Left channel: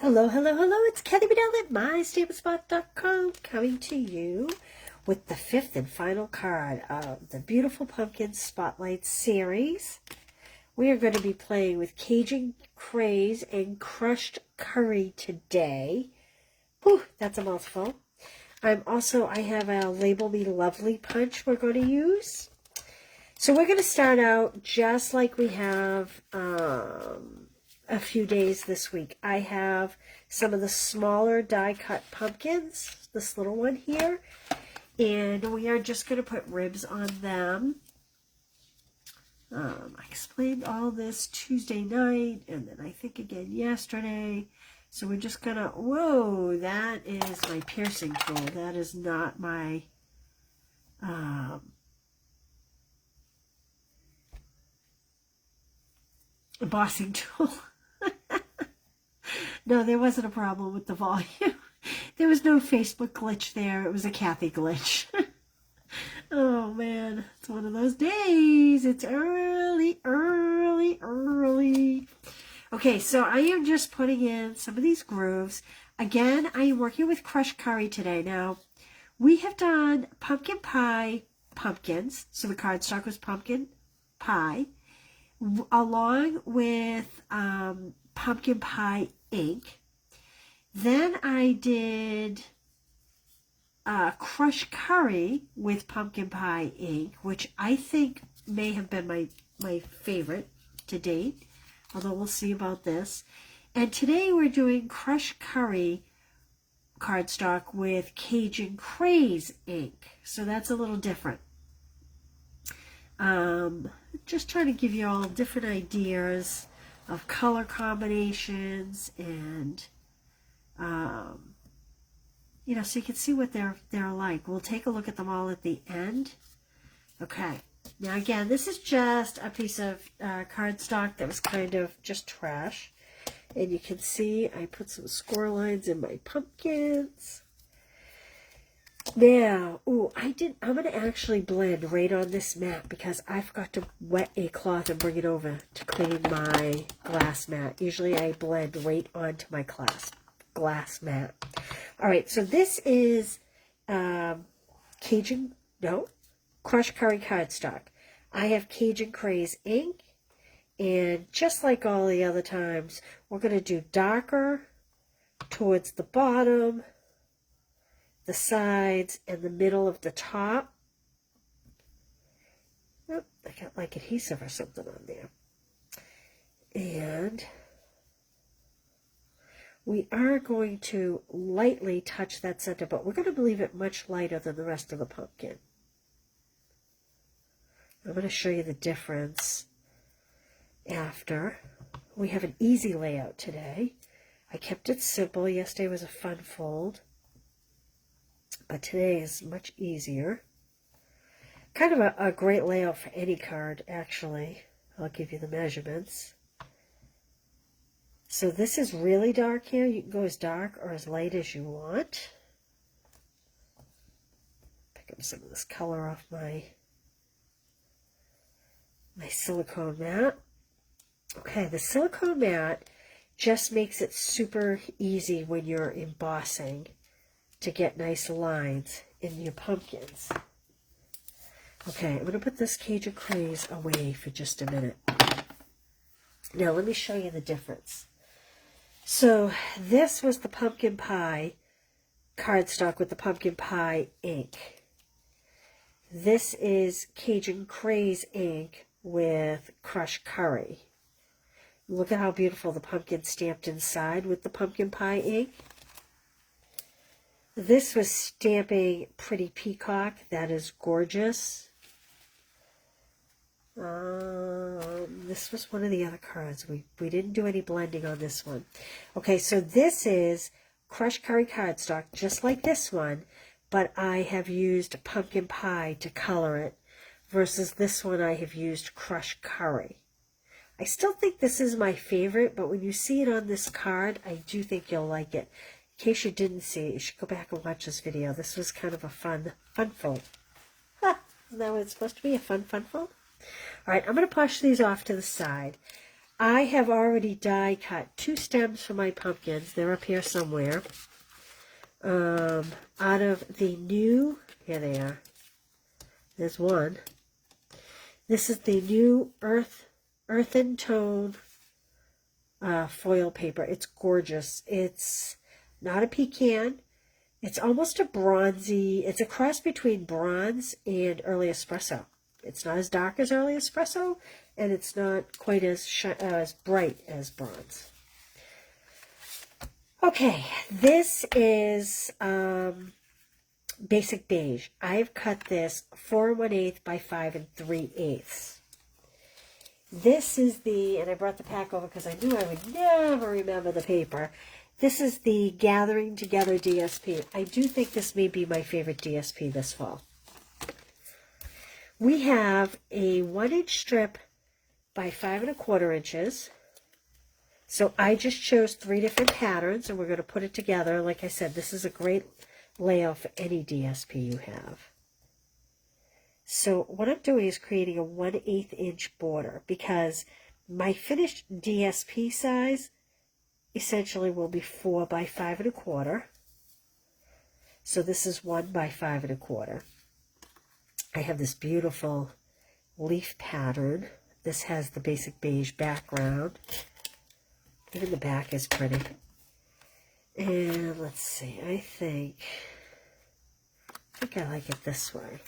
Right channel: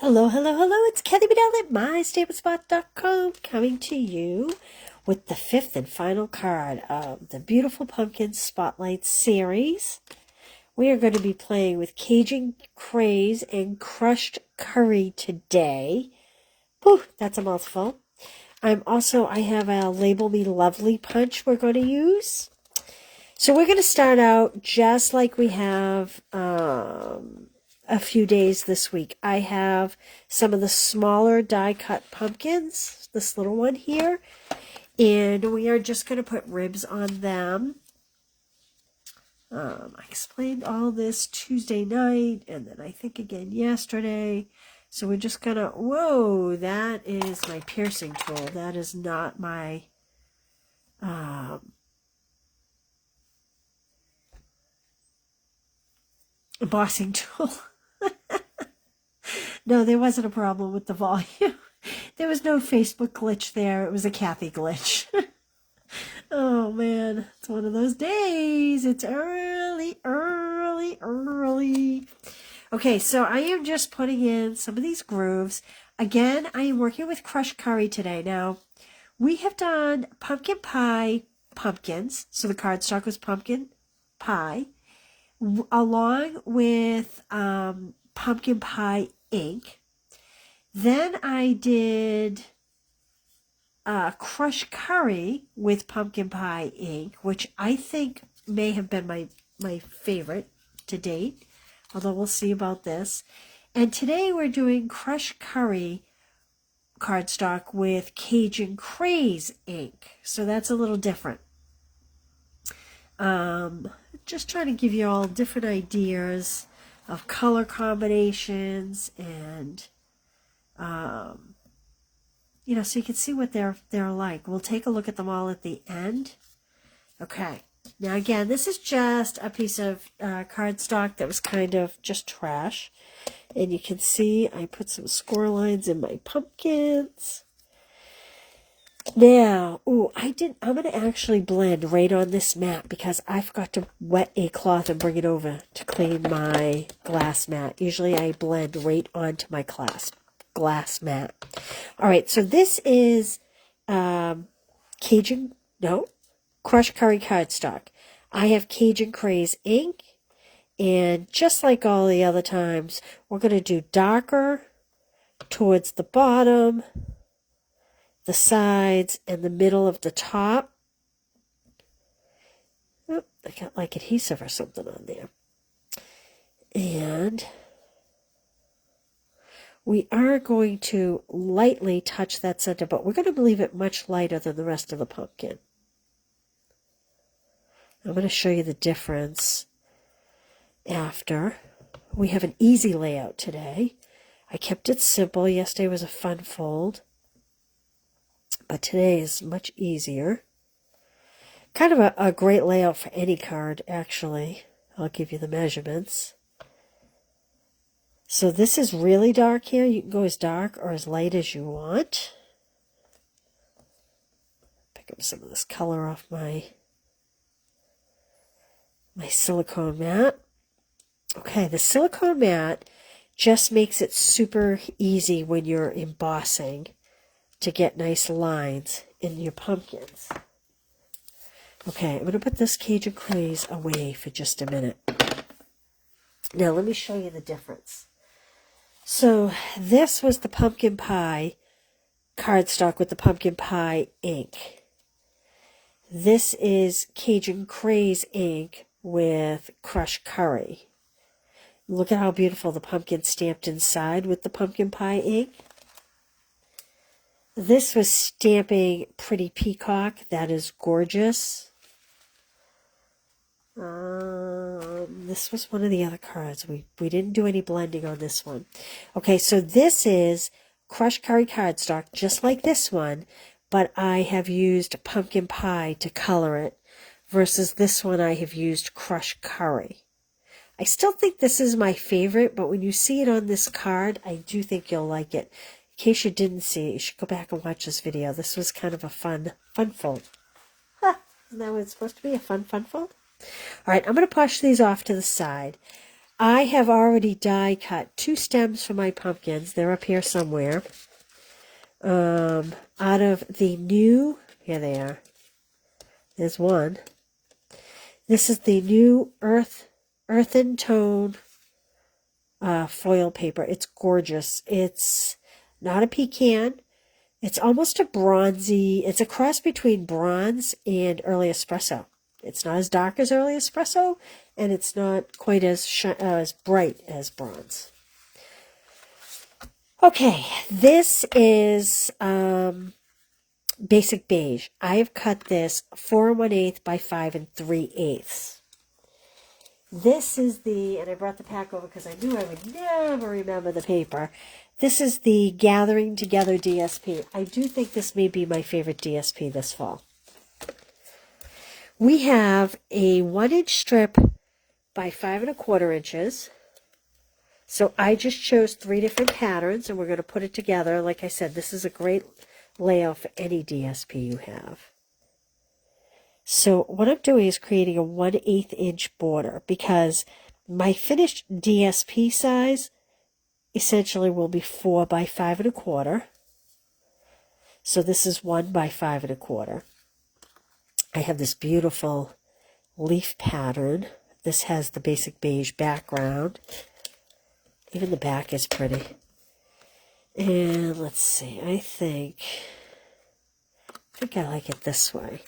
Hello, hello, hello. It's Kelly Bedell at MyStableSpot.com coming to you with the fifth and final card of the Beautiful Pumpkin Spotlight series. We are going to be playing with Cajun Craze and Crushed Curry today. Whew, that's a mouthful. I have a Label Me Lovely punch we're going to use. So we're going to start out just like we have a few days this week. I have some of the smaller die cut pumpkins, this little one here, and we are just going to put ribs on them. I explained all this Tuesday night and then I think again yesterday. So we're just going to, whoa, that is my piercing tool. That is not my embossing tool. No, there wasn't a problem with the volume. There was no Facebook glitch there. It was a Kathy glitch. Oh, man. It's one of those days. It's early. Okay, so I am just putting in some of these grooves. Again, I am working with crushed curry today. Now, we have done pumpkin pie pumpkins. So the cardstock was pumpkin pie, along with pumpkin pie ink. Then I did crushed curry with pumpkin pie ink, which I think may have been my favorite to date, although we'll see about this. And today we're doing crushed curry cardstock with Cajun Craze ink, so that's a little different. Just trying to give you all different ideas of color combinations and so you can see what they're like. We'll take a look at them all at the end. Okay, now again, this is just a piece of cardstock that was kind of just trash, and you can see I put some score lines in my pumpkins. Now, I'm going to actually blend right on this mat because I forgot to wet a cloth and bring it over to clean my glass mat. Usually I blend right onto my glass mat. All right, so this is crushed curry cardstock. I have Cajun Craze ink, and just like all the other times, we're going to do darker towards the bottom, the sides, and the middle of the top. Oh, I got like adhesive or something on there. And we are going to lightly touch that center, but we're going to leave it much lighter than the rest of the pumpkin. I'm going to show you the difference after. We have an easy layout today. I kept it simple. Yesterday was a fun fold, but today is much easier. Kind of a great layout for any card, actually. I'll give you the measurements. So this is really dark here. You can go as dark or as light as you want. Pick up some of this color off my silicone mat. Okay, the silicone mat just makes it super easy when you're embossing to get nice lines in your pumpkins. Okay, I'm going to put this Cajun Craze away for just a minute. Now let me show you the difference. So this was the pumpkin pie cardstock with the pumpkin pie ink. This is Cajun Craze ink with crushed curry. Look at how beautiful the pumpkin stamped inside with the pumpkin pie ink. This was stamping Pretty Peacock. That is gorgeous. This was one of the other cards. We didn't do any blending on this one. Okay, so this is crushed curry cardstock, just like this one, but I have used pumpkin pie to color it, versus this one I have used crushed curry. I still think this is my favorite, but when you see it on this card, I do think you'll like it. In case you didn't see it, you should go back and watch this video. This was kind of a fun fold. Isn't that what it's supposed to be, a fun fold? All right, I'm going to push these off to the side. I have already die cut 2 stems for my pumpkins. They're up here somewhere. Out of the new, here they are. There's one. This is the new earthen tone foil paper. It's gorgeous. It's not a pecan. It's almost a bronzy, it's a cross between bronze and early espresso. It's not as dark as early espresso, and it's not quite as bright as bronze. Okay, this is basic beige. I've cut this 4 1/8 by 5 3/8. This is and I brought the pack over because I knew I would never remember the paper. This is the Gathering Together DSP. I do think this may be my favorite DSP this fall. We have a 1-inch strip by 5 1/4 inches. So I just chose 3 different patterns, and we're going to put it together. Like I said, this is a great layout for any DSP you have. So what I'm doing is creating a 1/8 inch border, because my finished DSP size essentially will be 4 by 5 1/4. So this is 1 by 5 1/4. I have this beautiful leaf pattern. This has the basic beige background. Even the back is pretty. And let's see, I think I like it this way.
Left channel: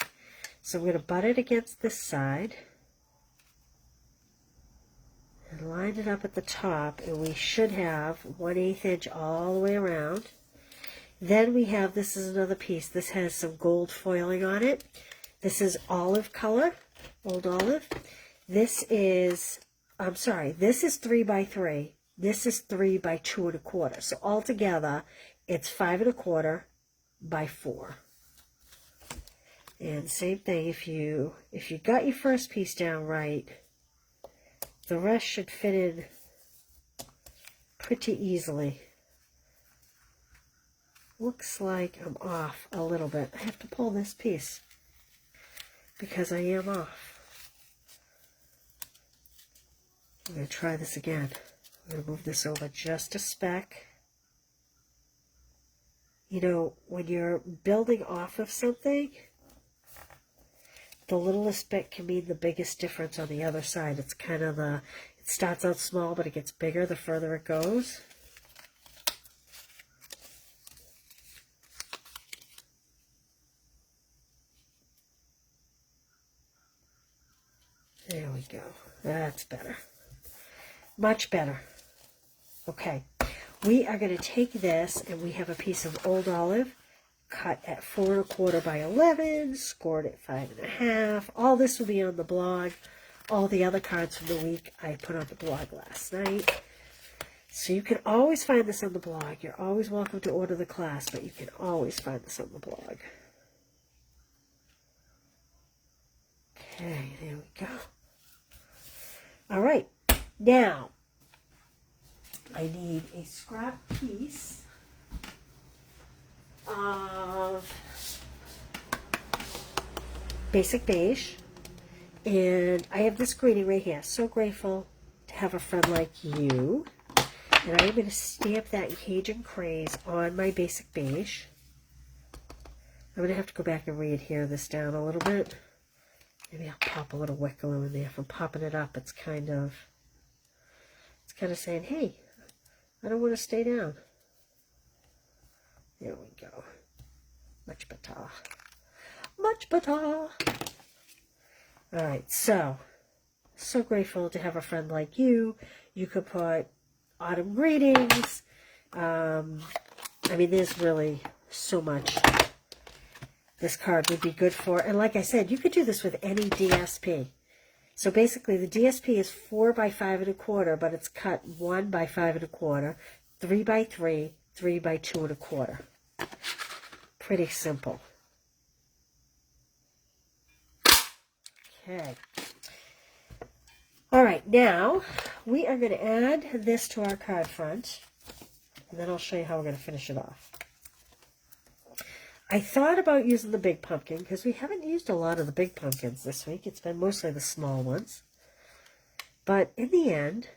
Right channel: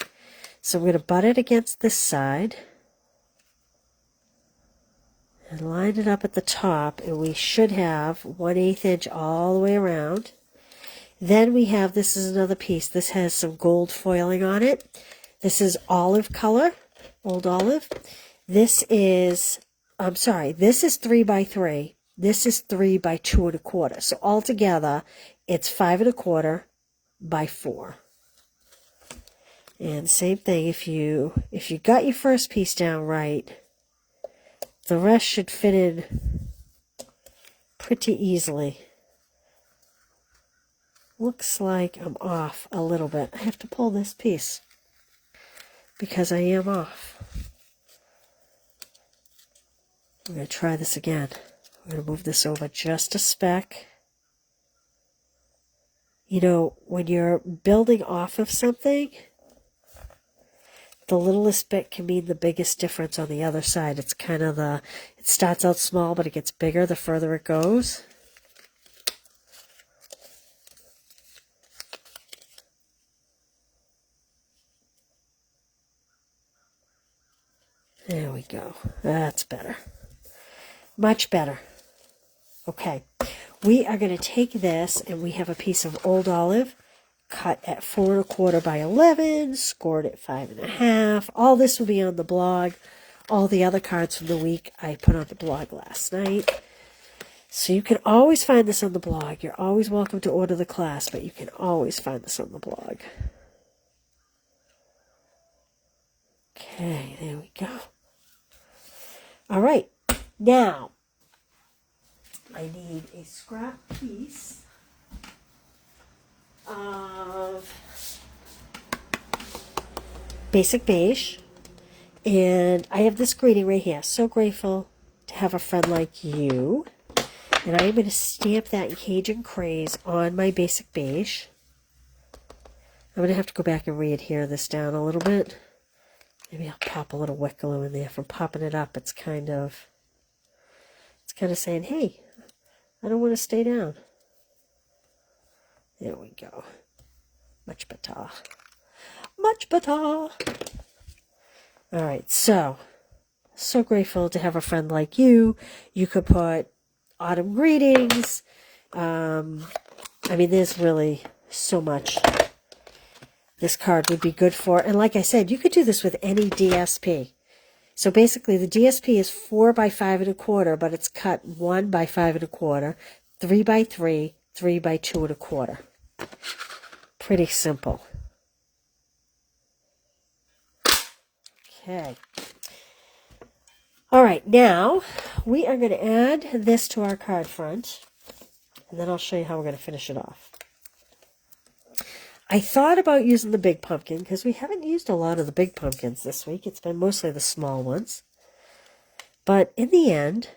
So I'm going to butt it against this side and line it up at the top, and we should have 1/8 inch all the way around. Then we have, this is another piece. This has some gold foiling on it. This is olive color, old olive. This is, I'm sorry, this is 3 by 3. This is 3 by 2 1/4. So altogether, it's 5 1/4 by 4. And same thing, if you got your first piece down right, the rest should fit in pretty easily. Looks like I'm off a little bit. I have to pull this piece because I am off. I'm going to try this again. I'm going to move this over just a speck. You know, when you're building off of something, the littlest bit can mean the biggest difference on the other side. It's kind of it starts out small, but it gets bigger the further it goes. There we go. That's better. Much better. Okay. We are going to take this, and we have a piece of old olive cut at 4 1/4 by 11, scored at 5 1/2. All this will be on the blog. All the other cards from the week I put on the blog last night. So you can always find this on the blog. You're always welcome to order the class, but you can always find this on the blog. Okay, there we go. All right, now I need a scrap piece of basic beige, and I have this greeting right here. So grateful to have a friend like you. And I'm going to stamp that in Cajun Craze on my basic beige. I'm going to have to go back and re-adhere this down a little bit. Maybe I'll pop a little wet glue in there. From popping it up, it's kind of saying, hey, I don't want to stay down. There we go. Much better. Much better. All right, so grateful to have a friend like you. You could put autumn greetings. I mean, there's really so much this card would be good for. And like I said, you could do this with any DSP. So basically, the DSP is 4 by 5 1/4, but it's cut 1 by 5 1/4, 3 by 3, 3 by 2 1/4. Pretty simple. Okay. All right, now we are going to add this to our card front, and then I'll show you how we're going to finish it off. I thought about using the big pumpkin because we haven't used a lot of the big pumpkins this week. It's been mostly the small ones. But in the end,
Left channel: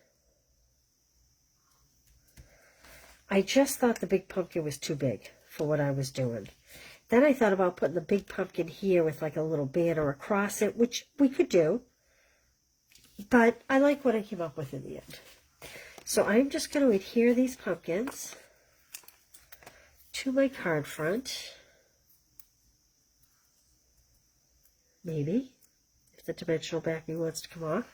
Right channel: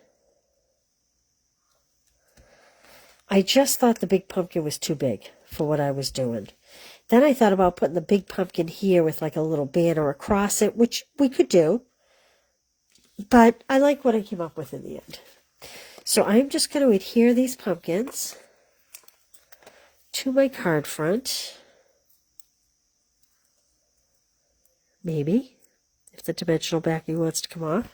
I just thought the big pumpkin was too big for what I was doing. Then I thought about putting the big pumpkin here with like a little banner across it, which we could do. But I like what I came up with in the end. So I'm just going to adhere these pumpkins to my card front. Maybe, if the dimensional backing wants to come off.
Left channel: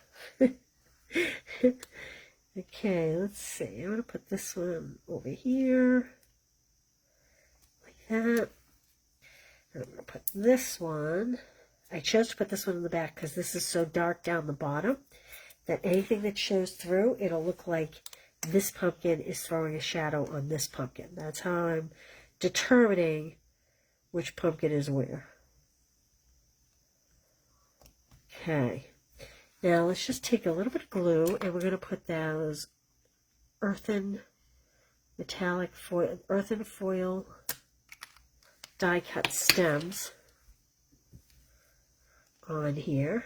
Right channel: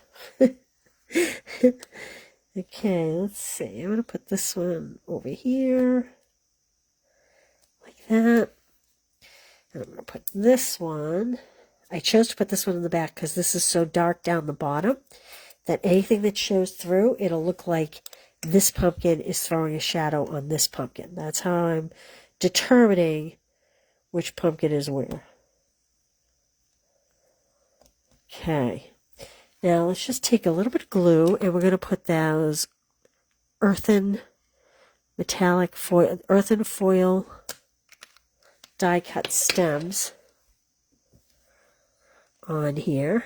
Okay, let's see. I'm going to put this one over here, like that. And I'm going to put this one. I chose to put this one in the back because this is so dark down the bottom that anything that shows through, it'll look like this pumpkin is throwing a shadow on this pumpkin. That's how I'm determining which pumpkin is where. Okay. Now let's just take a little bit of glue and we're going to put those earthen foil die cut stems on here.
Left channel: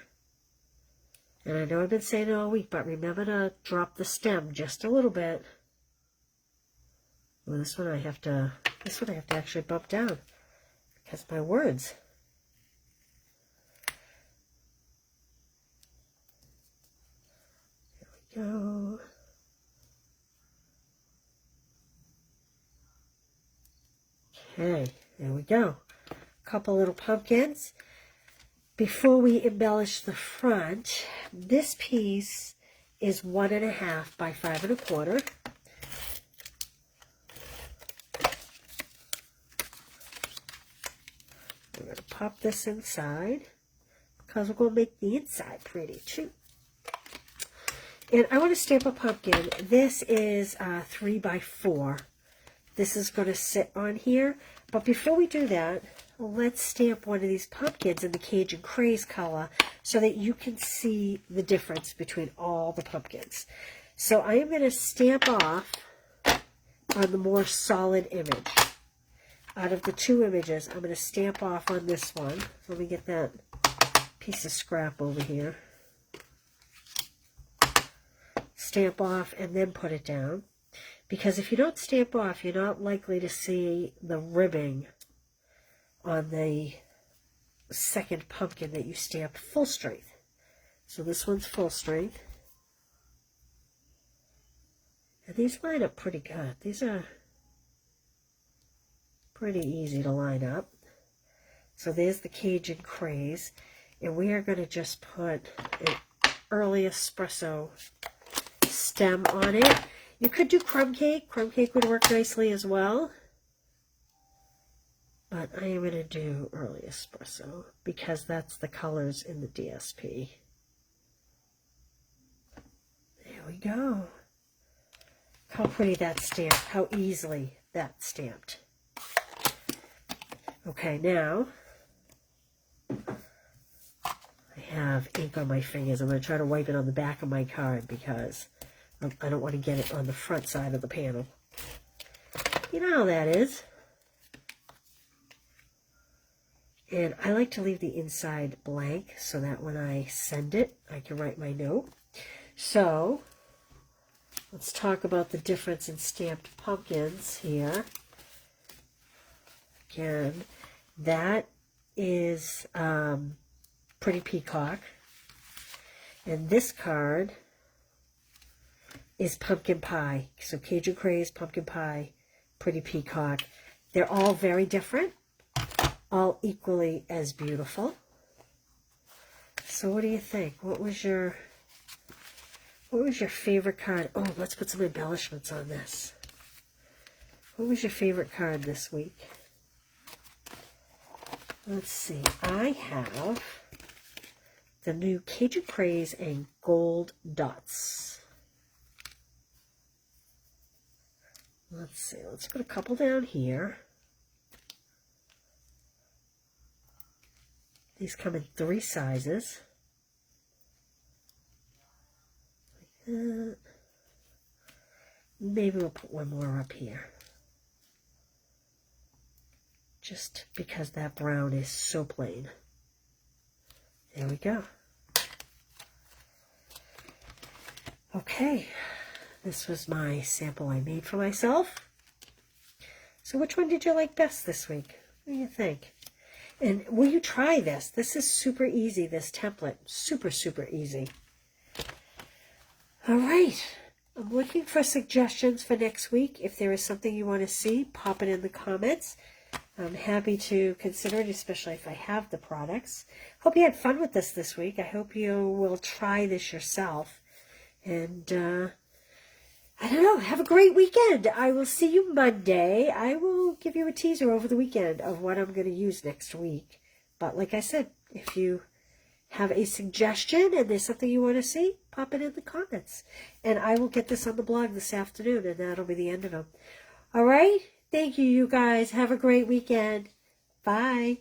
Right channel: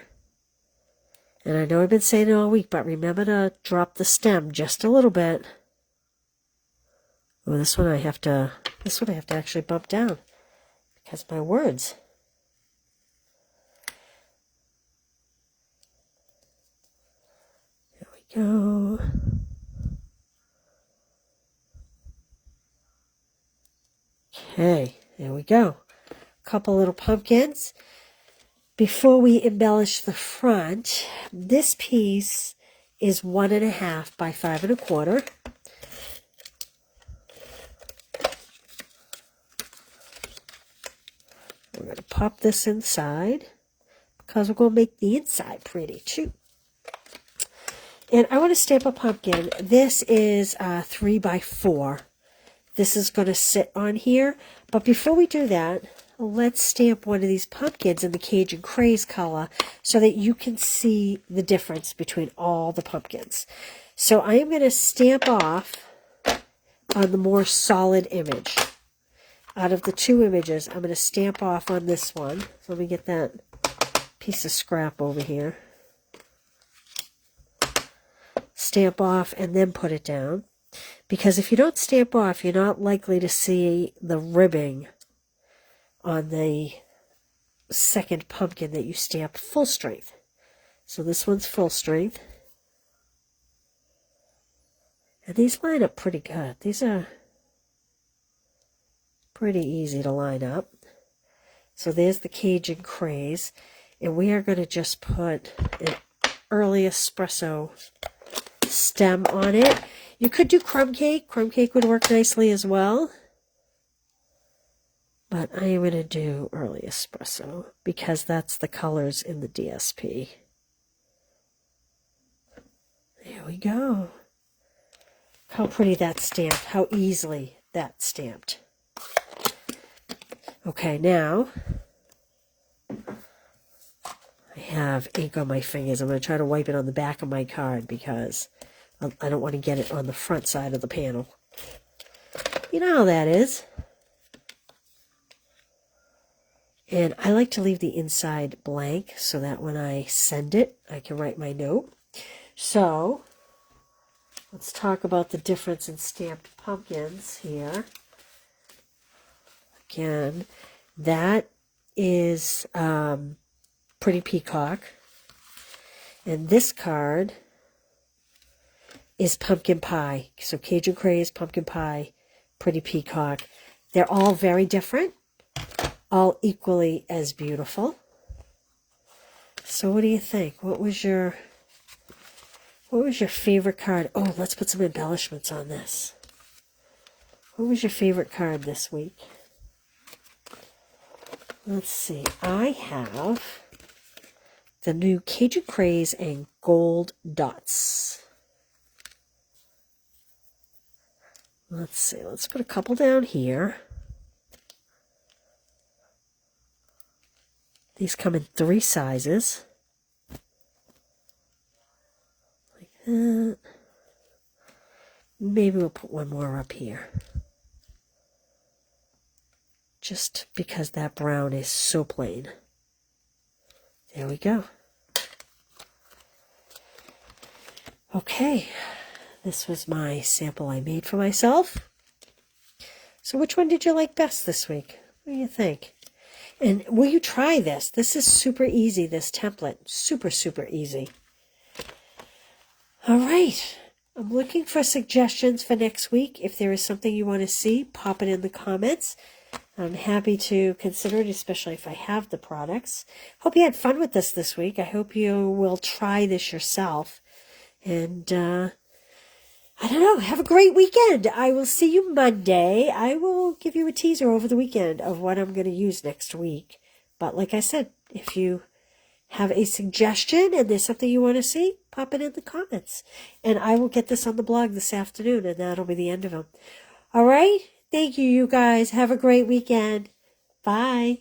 And I know I've been saying it all week, but remember to drop the stem just a little bit. Oh, this one I have to actually bump down because of my words. Go. Okay, there we go. A couple little pumpkins. Before we embellish the front, this piece is 1.5 by 5 1/4. We're going to pop this inside because we're going to make the inside pretty too. And I want to stamp a pumpkin. This is 3 by 4. This is going to sit on here. But before we do that, let's stamp one of these pumpkins in the Cajun Craze color so that you can see the difference between all the pumpkins. So I am going to stamp off on the more solid image. Out of the two images, I'm going to stamp off on this one. So let me get that piece of scrap over here. Stamp off and then put it down, because if you don't stamp off, you're not likely to see the ribbing on the second pumpkin that you stamped full strength. So this one's full strength, and these line up pretty good. These are pretty easy to line up. So there's the Cajun Craze, and we are going to just put an early espresso stem on it. You could do crumb cake. Crumb cake would work nicely as well. But I am going to do early espresso because that's the colors in the DSP. There we go. How pretty that's stamped. How easily that's stamped. Okay, now I have ink on my fingers. I'm going to try to wipe it on the back of my card because I don't want to get it on the front side of the panel. You know how that is. And I like to leave the inside blank so that when I send it, I can write my note. So, let's talk about the difference in stamped pumpkins here. Again, that is Pretty Peacock. And this card is Pumpkin Pie. So Cajun Craze, Pumpkin Pie, Pretty Peacock. They're all very different, all equally as beautiful. So what do you think? What was your favorite card? Oh, let's put some embellishments on this. What was your favorite card this week? Let's see. I have the new Cajun Craze and Gold Dots. Let's see. Let's put a couple down here. These come in 3 sizes. Like that. Maybe we'll put one more up here. Just because that brown is so plain. There we go. Okay. This was my sample I made for myself. So which one did you like best this week? What do you think? And will you try this? This is super easy, this template. Super, super easy. All right. I'm looking for suggestions for next week. If there is something you want to see, pop it in the comments. I'm happy to consider it, especially if I have the products. Hope you had fun with this week. I hope you will try this yourself. And I don't know, have a great weekend. I will see you Monday. I will give you a teaser over the weekend of what I'm going to use next week. But like I said, if you have a suggestion and there's something you want to see, pop it in the comments. And I will get this on the blog this afternoon, and that'll be the end of them. All right? Thank you, you guys. Have a great weekend. Bye.